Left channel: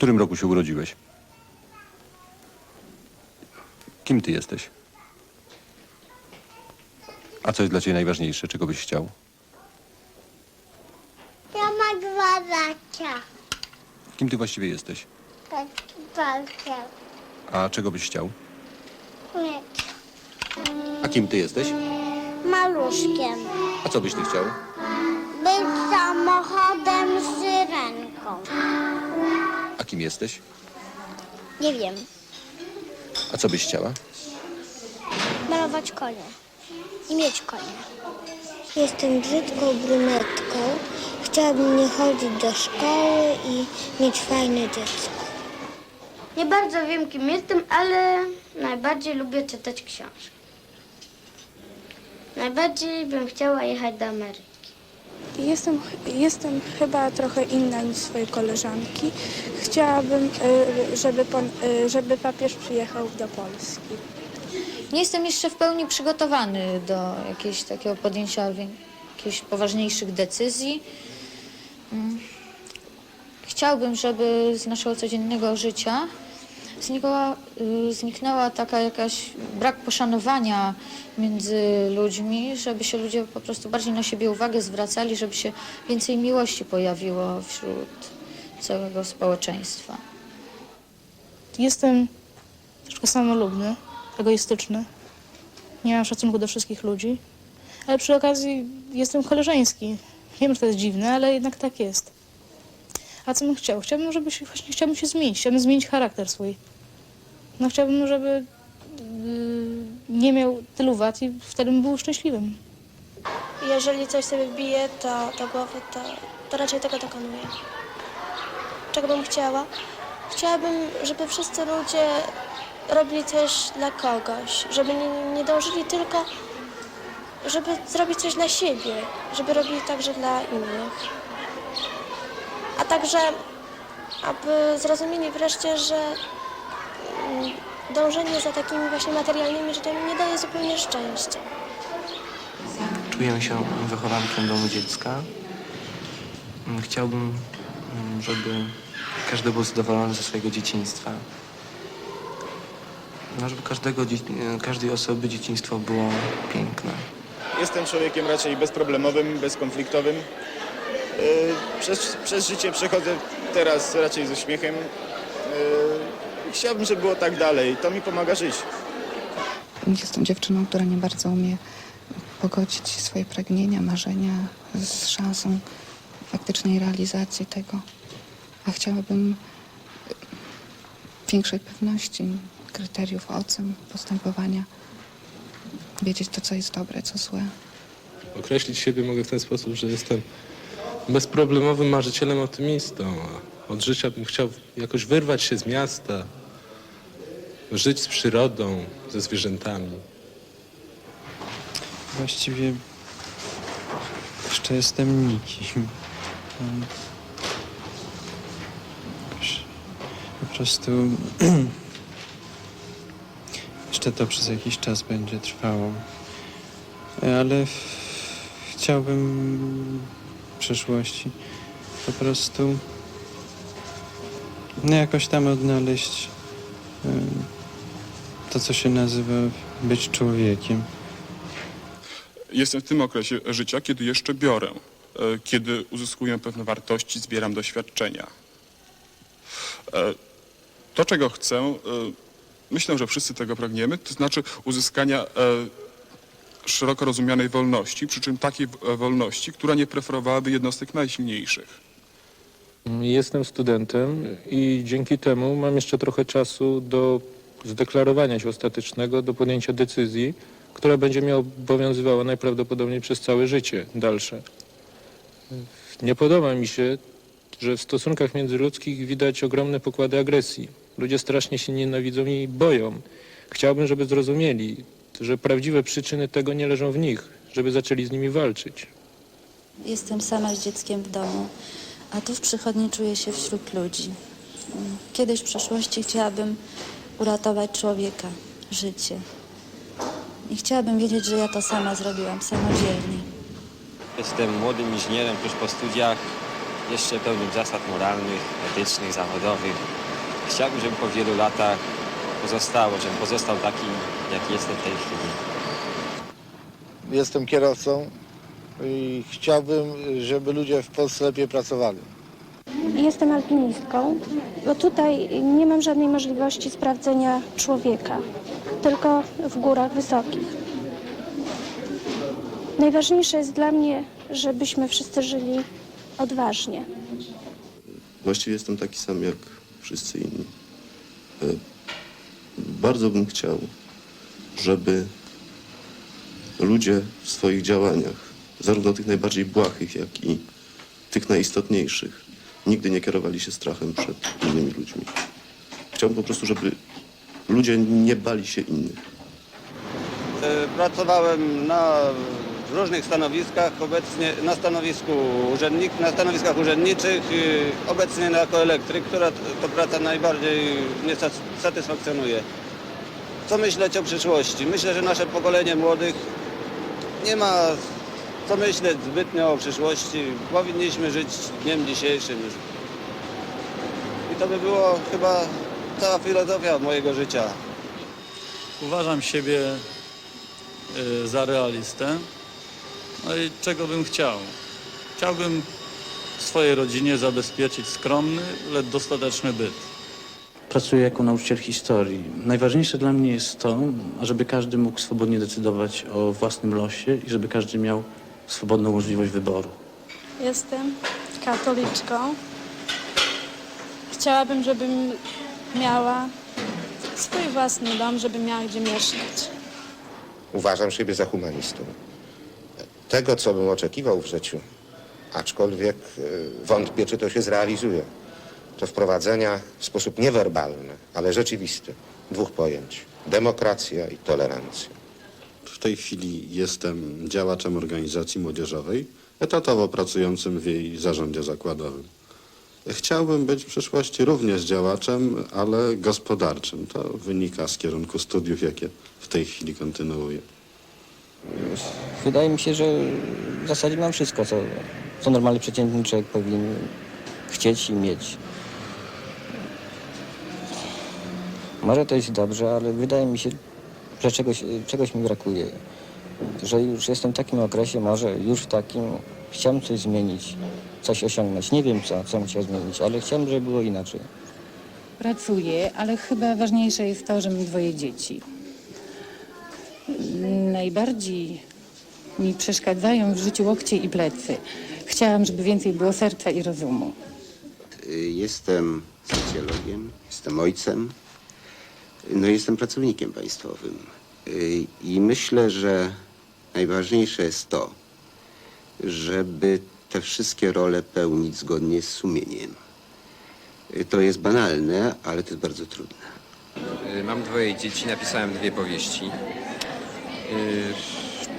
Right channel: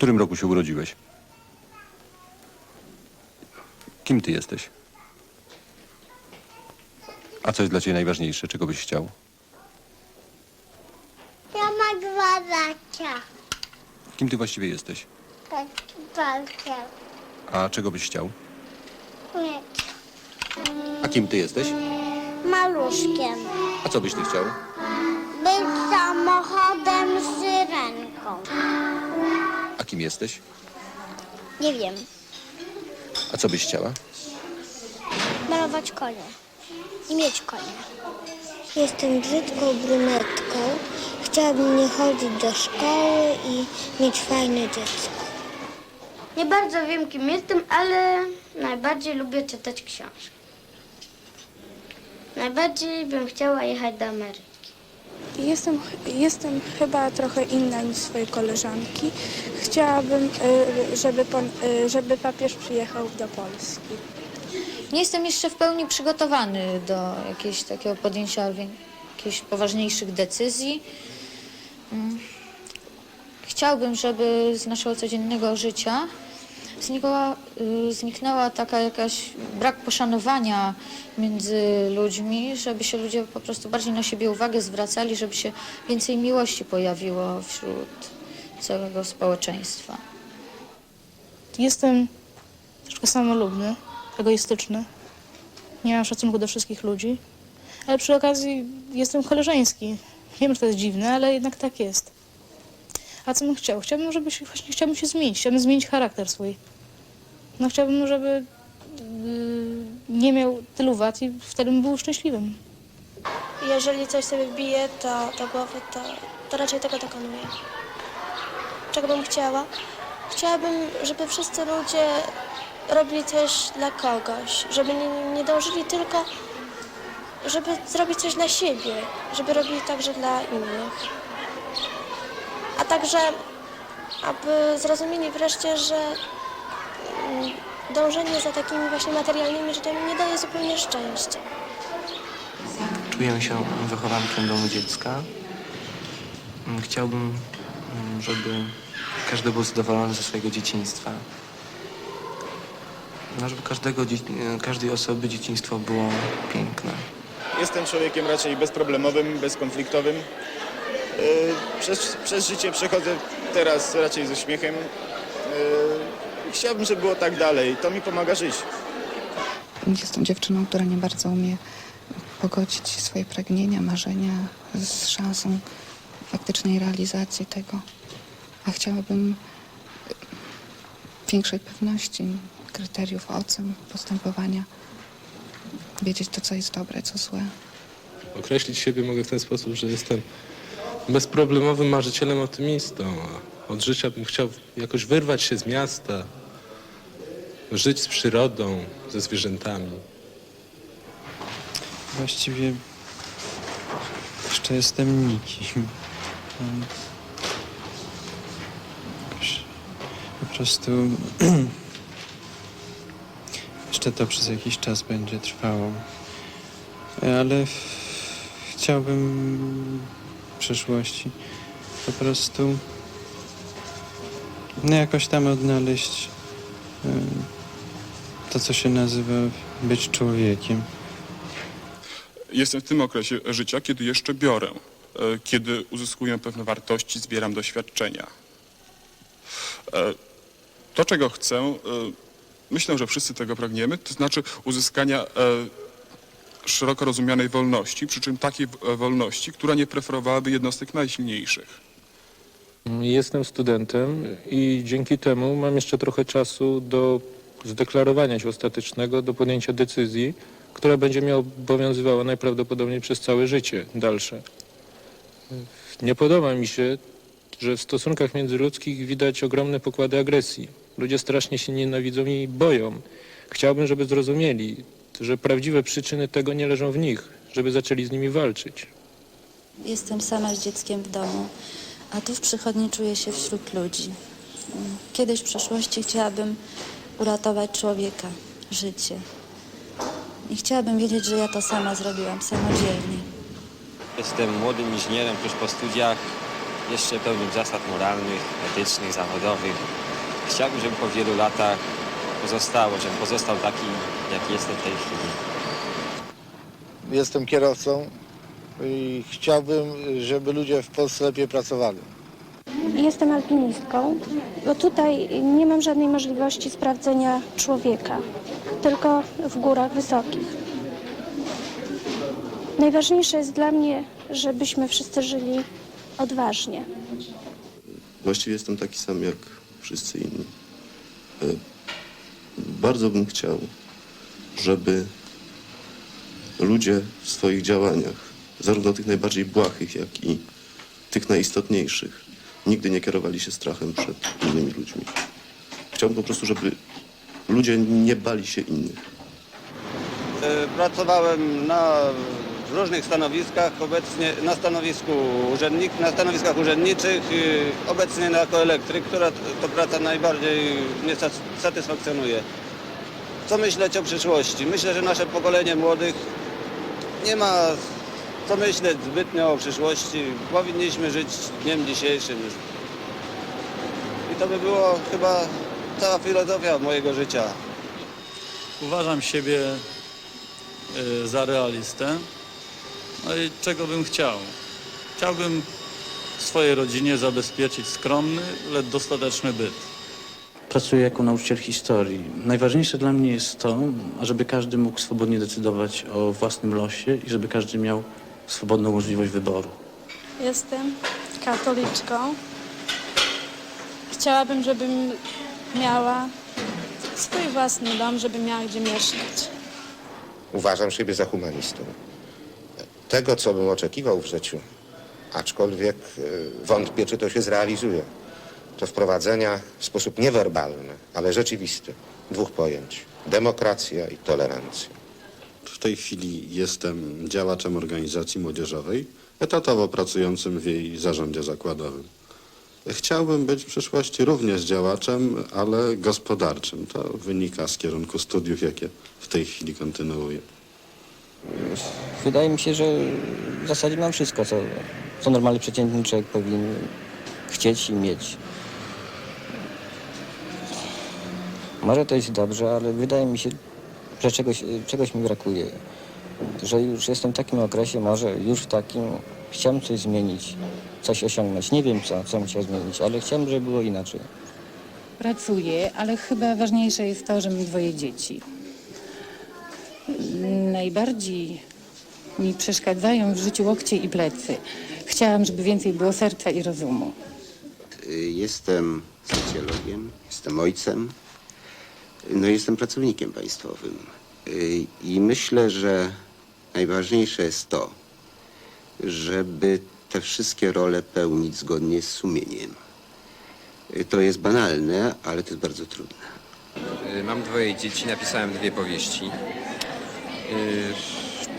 którym roku się urodziłeś? Kim ty jesteś? A co jest dla ciebie najważniejsze? Czego byś chciał? Ja mam 2 lata. Kim ty właściwie jesteś? Palce. A czego byś chciał? Nie. A kim ty jesteś? Maluszkiem. A co byś ty chciał? Być samochodem z syrenką. A kim jesteś? Nie wiem. A co byś chciała? Malować konie. I mieć konie. Jestem brzydką brunetką. Chciałabym nie chodzić do szkoły i mieć fajne dziecko. Nie bardzo wiem, kim jestem, ale najbardziej lubię czytać książki. Najbardziej bym chciała jechać do Ameryki. Jestem chyba trochę inna niż swoje koleżanki. Chciałabym, żeby papież przyjechał do Polski. Nie jestem jeszcze w pełni przygotowany do jakiegoś takiego podjęcia jakichś poważniejszych decyzji. Chciałbym, żeby z naszego codziennego życia zniknęła taka jakaś brak poszanowania między ludźmi, żeby się ludzie po prostu bardziej na siebie uwagę zwracali, żeby się więcej miłości pojawiło wśród całego społeczeństwa. Jestem troszkę samolubny, egoistyczny. Nie mam szacunku do wszystkich ludzi, ale przy okazji jestem koleżeński. Wiem, że to jest dziwne, ale jednak tak jest. A co bym chciał? Chciałbym się zmienić. Chciałbym zmienić charakter swój. No chciałbym, żeby nie miał tylu wad i wtedy bym był szczęśliwym. Jeżeli coś sobie wbije do głowy, to raczej tego dokonuję. Czego bym chciała? Chciałabym, żeby wszyscy ludzie robili coś dla kogoś. Żeby nie dążyli tylko, żeby zrobić coś dla siebie. Żeby robili także dla innych. A także, aby zrozumieli wreszcie, że dążenie za takimi właśnie materialnymi rzeczami nie daje zupełnie szczęścia. Czuję się wychowankiem domu dziecka. Chciałbym, żeby każdy był zadowolony ze swojego dzieciństwa. No, żeby każdej osoby dzieciństwo było piękne. Jestem człowiekiem raczej bezproblemowym, bezkonfliktowym. Przez życie przechodzę teraz raczej ze śmiechem. Chciałbym, żeby było tak dalej. To mi pomaga żyć. Jestem dziewczyną, która nie bardzo umie pogodzić swoje pragnienia, marzenia z szansą faktycznej realizacji tego. A chciałabym większej pewności, kryteriów ocen, postępowania. Wiedzieć to, co jest dobre, co złe. Określić siebie mogę w ten sposób, że jestem bezproblemowym marzycielem, optymistą. Od życia bym chciał jakoś wyrwać się z miasta, żyć z przyrodą, ze zwierzętami. Właściwie jeszcze jestem nikim. Po prostu jeszcze to przez jakiś czas będzie trwało. Ale chciałbym w przyszłości po prostu jakoś tam odnaleźć to, co się nazywa być człowiekiem. Jestem w tym okresie życia, kiedy jeszcze biorę, kiedy uzyskuję pewne wartości, zbieram doświadczenia. To, czego chcę, myślę, że wszyscy tego pragniemy, to znaczy uzyskania szeroko rozumianej wolności, przy czym takiej wolności, która nie preferowałaby jednostek najsilniejszych. Jestem studentem i dzięki temu mam jeszcze trochę czasu do zdeklarowania się ostatecznego, do podjęcia decyzji, która będzie mnie obowiązywała najprawdopodobniej przez całe życie dalsze. Nie podoba mi się, że w stosunkach międzyludzkich widać ogromne pokłady agresji. Ludzie strasznie się nienawidzą i boją. Chciałbym, żeby zrozumieli, że prawdziwe przyczyny tego nie leżą w nich, żeby zaczęli z nimi walczyć. Jestem sama z dzieckiem w domu, a tu w przychodni czuję się wśród ludzi. Kiedyś w przeszłości chciałabym uratować człowieka, życie. I chciałabym wiedzieć, że ja to sama zrobiłam, samodzielnie. Jestem młodym inżynierem tuż po studiach jeszcze pełnym zasad moralnych, etycznych, zawodowych. Chciałbym, żeby po wielu latach żebym pozostał taki, jaki jestem w tej chwili. Jestem kierowcą i chciałbym, żeby ludzie w Polsce lepiej pracowali. Jestem alpinistką, bo tutaj nie mam żadnej możliwości sprawdzenia człowieka, tylko w górach wysokich. Najważniejsze jest dla mnie, żebyśmy wszyscy żyli odważnie. Właściwie jestem taki sam jak wszyscy inni. Bardzo bym chciał, żeby ludzie w swoich działaniach, zarówno tych najbardziej błahych, jak i tych najistotniejszych, nigdy nie kierowali się strachem przed innymi ludźmi. Chciałbym po prostu, żeby ludzie nie bali się innych. Pracowałem na różnych stanowiskach, obecnie na stanowiskach urzędniczych, obecnie jako elektryk, która to praca najbardziej mnie satysfakcjonuje. Co myśleć o przyszłości? Myślę, że nasze pokolenie młodych nie ma co myśleć zbytnio o przyszłości. Powinniśmy żyć dniem dzisiejszym. I to by było chyba cała filozofia mojego życia. Uważam siebie za realistę. No i czego bym chciał? Chciałbym swojej rodzinie zabezpieczyć skromny, lecz dostateczny byt. Pracuję jako nauczyciel historii. Najważniejsze dla mnie jest to, żeby każdy mógł swobodnie decydować o własnym losie i żeby każdy miał swobodną możliwość wyboru. Jestem katoliczką. Chciałabym, żebym miała swój własny dom, żebym miała gdzie mieszkać. Uważam siebie za humanistą. Tego, co bym oczekiwał w życiu, aczkolwiek wątpię, czy to się zrealizuje, to wprowadzenia w sposób niewerbalny, ale rzeczywisty, dwóch pojęć: demokracja i tolerancja. W tej chwili jestem działaczem organizacji młodzieżowej, etatowo pracującym w jej zarządzie zakładowym. Chciałbym być w przyszłości również działaczem, ale gospodarczym. To wynika z kierunku studiów, jakie w tej chwili kontynuuję. Wydaje mi się, że w zasadzie mam wszystko, co normalny, przeciętny człowiek powinien chcieć i mieć. Może to jest dobrze, ale wydaje mi się, że czegoś mi brakuje. Że już jestem w takim okresie, może już w takim, chciałbym coś zmienić, coś osiągnąć. Nie wiem co bym chciał zmienić, ale chciałbym, żeby było inaczej. Pracuję, ale chyba ważniejsze jest to, że mam 2 dzieci. Najbardziej mi przeszkadzają w życiu łokcie i plecy. Chciałam, żeby więcej było serca i rozumu. Jestem socjologiem, jestem ojcem, no i jestem pracownikiem państwowym. I myślę, że najważniejsze jest to, żeby te wszystkie role pełnić zgodnie z sumieniem. To jest banalne, ale to jest bardzo trudne. Mam 2 dzieci, napisałem 2 powieści.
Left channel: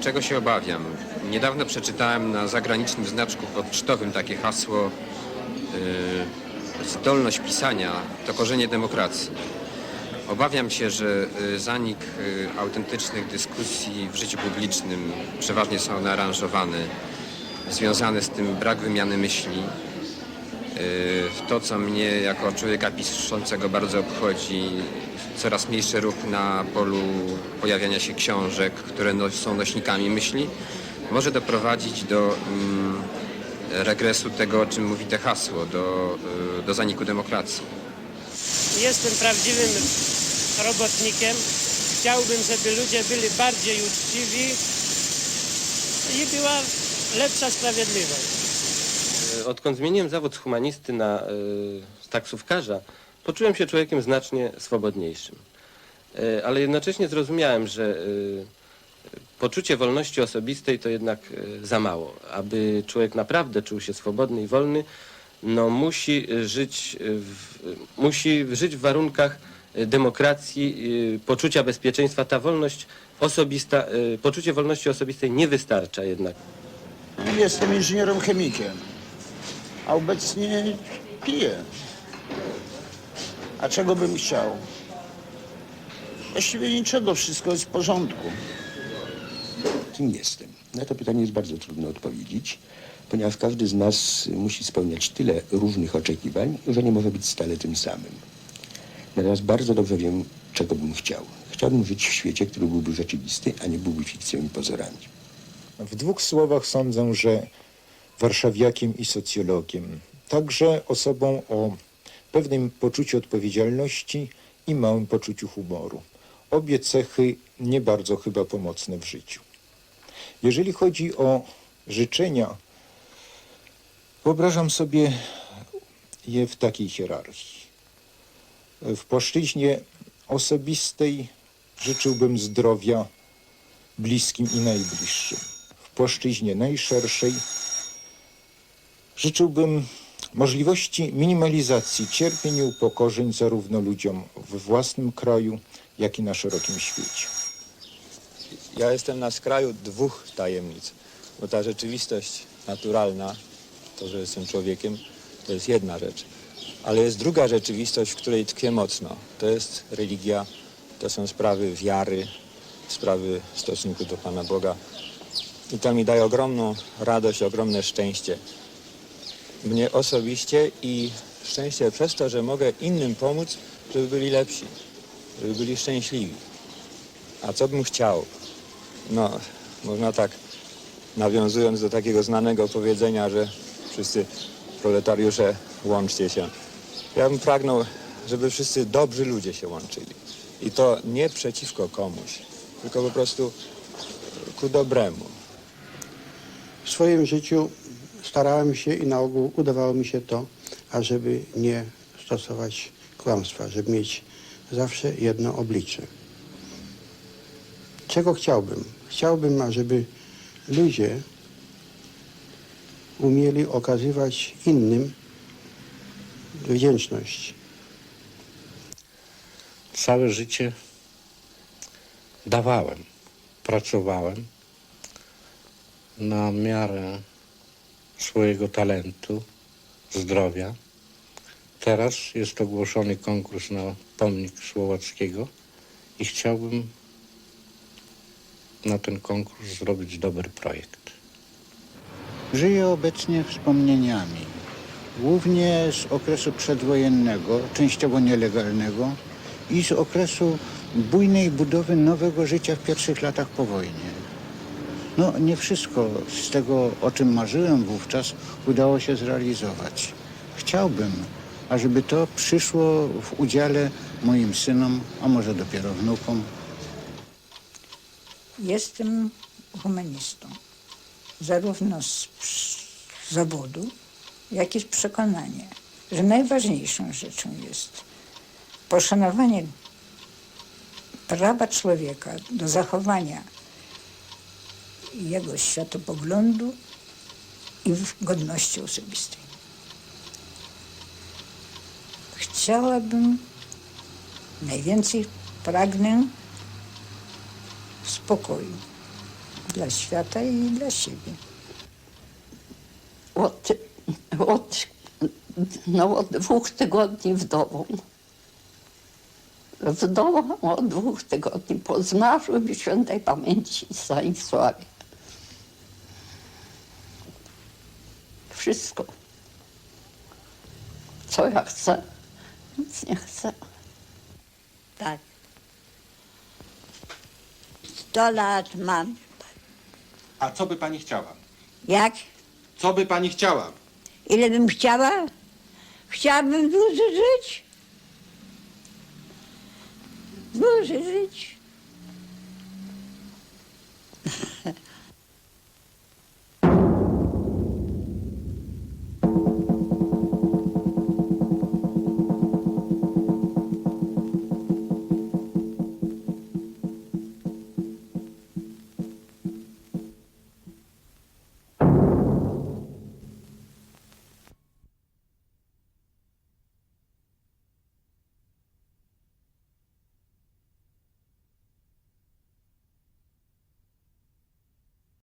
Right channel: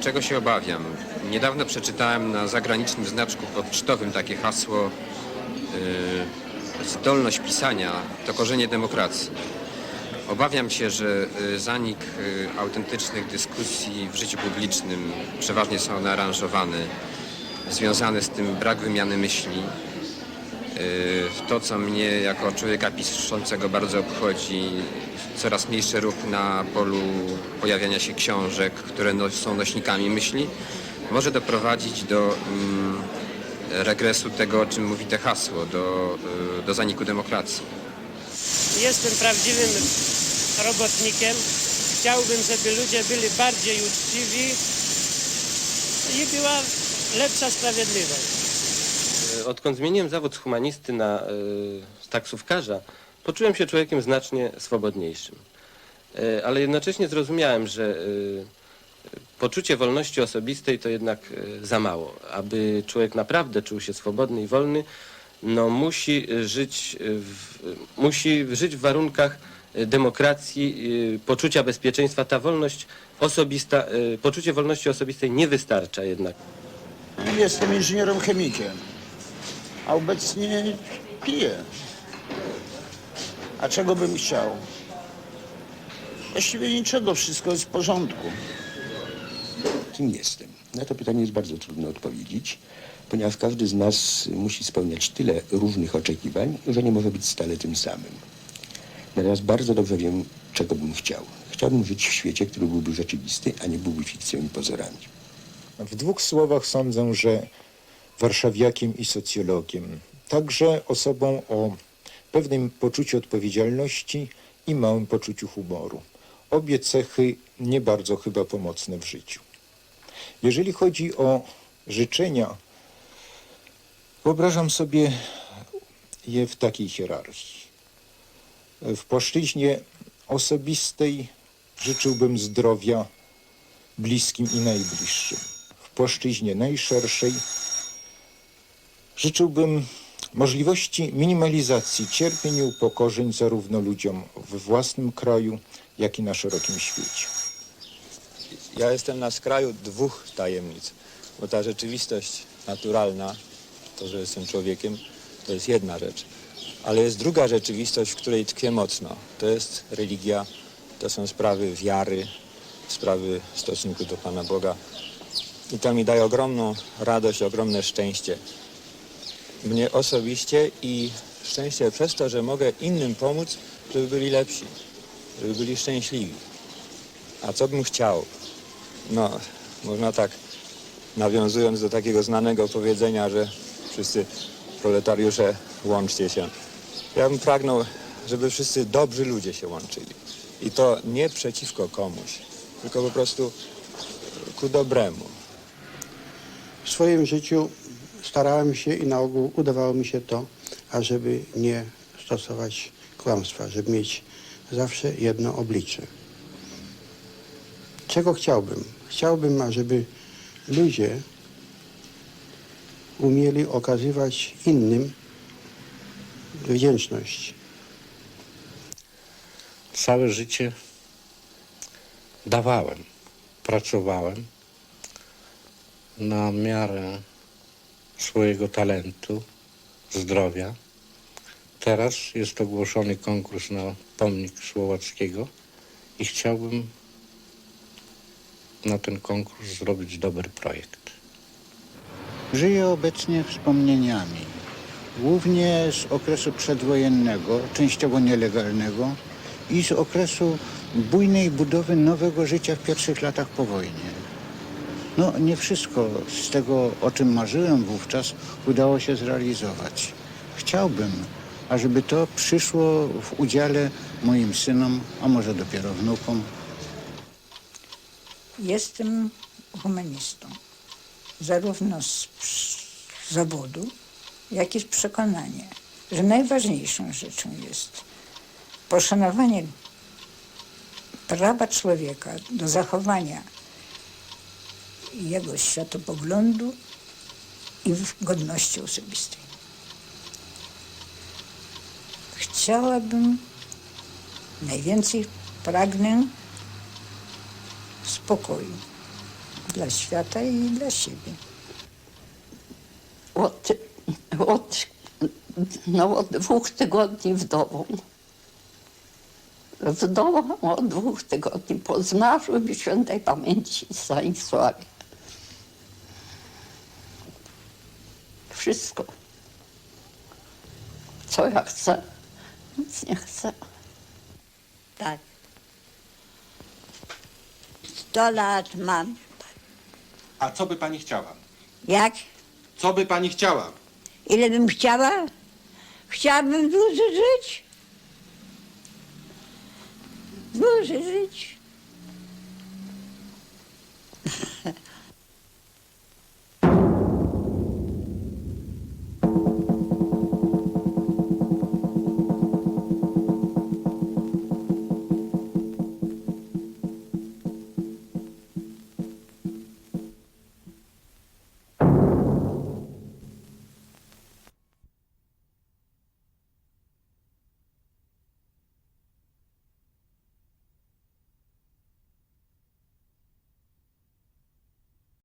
Czego się obawiam? Niedawno przeczytałem na zagranicznym znaczku pocztowym takie hasło: zdolność pisania to korzenie demokracji. Obawiam się, że zanik autentycznych dyskusji w życiu publicznym, przeważnie są one aranżowane, związane z tym brak wymiany myśli. To, co mnie jako człowieka piszącego bardzo obchodzi, coraz mniejszy ruch na polu pojawiania się książek, które są nośnikami myśli, może doprowadzić do regresu tego, o czym mówi to hasło, do zaniku demokracji. Jestem prawdziwym robotnikiem. Chciałbym, żeby ludzie byli bardziej uczciwi i była lepsza sprawiedliwość. Odkąd zmieniłem zawód z humanisty na taksówkarza, poczułem się człowiekiem znacznie swobodniejszym. Ale jednocześnie zrozumiałem, że poczucie wolności osobistej to jednak za mało. Aby człowiek naprawdę czuł się swobodny i wolny, no musi żyć w warunkach demokracji, poczucia bezpieczeństwa. Ta wolność osobista, poczucie wolności osobistej nie wystarcza jednak. Jestem inżynierem chemikiem, a obecnie piję. A czego bym chciał? Właściwie niczego, wszystko jest w porządku. Kim jestem? Na to pytanie jest bardzo trudno odpowiedzieć. ponieważ każdy z nas musi spełniać tyle różnych oczekiwań, że nie może być stale tym samym. Natomiast bardzo dobrze wiem, czego bym chciał. Chciałbym żyć w świecie, który byłby rzeczywisty, a nie byłby fikcją i pozorami. W dwóch słowach sądzę, że warszawiakiem i socjologiem, także osobą o pewnym poczuciu odpowiedzialności i małym poczuciu humoru. Obie cechy nie bardzo chyba pomocne w życiu. Jeżeli chodzi o życzenia, wyobrażam sobie je w takiej hierarchii. W płaszczyźnie osobistej życzyłbym zdrowia bliskim i najbliższym. W płaszczyźnie najszerszej życzyłbym możliwości minimalizacji cierpień i upokorzeń zarówno ludziom we własnym kraju, jak i na szerokim świecie. Ja jestem na skraju dwóch tajemnic, bo ta rzeczywistość naturalna, to, że jestem człowiekiem, to jest jedna rzecz. Ale jest druga rzeczywistość, w której tkwię mocno. To jest religia, to są sprawy wiary, sprawy stosunku do Pana Boga. I to mi daje ogromną radość, ogromne szczęście. Mnie osobiście i szczęście przez to, że mogę innym pomóc, żeby byli lepsi, żeby byli szczęśliwi. A co bym chciał? No, można tak, nawiązując do takiego znanego powiedzenia, że wszyscy proletariusze łączcie się. Ja bym pragnął, żeby wszyscy dobrzy ludzie się łączyli. I to nie przeciwko komuś, tylko po prostu ku dobremu. W swoim życiu starałem się i na ogół udawało mi się to, ażeby nie stosować kłamstwa, żeby mieć zawsze jedno oblicze. Czego chciałbym? Chciałbym, ażeby ludzie umieli okazywać innym wdzięczność. Całe życie dawałem, pracowałem na miarę swojego talentu, zdrowia. Teraz jest ogłoszony konkurs na pomnik Słowackiego i chciałbym na ten konkurs zrobić dobry projekt. Żyję obecnie wspomnieniami, głównie z okresu przedwojennego, częściowo nielegalnego i z okresu bujnej budowy nowego życia w pierwszych latach po wojnie. No, nie wszystko z tego, o czym marzyłem wówczas, udało się zrealizować. Chciałbym, ażeby to przyszło w udziale moim synom, a może dopiero wnukom. Jestem humanistą, zarówno z zawodu, jak i z przekonania, że najważniejszą rzeczą jest poszanowanie prawa człowieka do zachowania jego światopoglądu i godności osobistej. Chciałabym, najwięcej pragnę spokoju dla świata i dla siebie. Od 2 tygodni w domu. W domu od 2 tygodni po zmarłym świętej pamięci Stanisławie. Wszystko. Co ja chcę, nic nie chcę. Tak. 100 lat mam. A co by pani chciała? Jak? Co by pani chciała? Ile bym chciała? Chciałabym dłużej żyć. Dłużej żyć.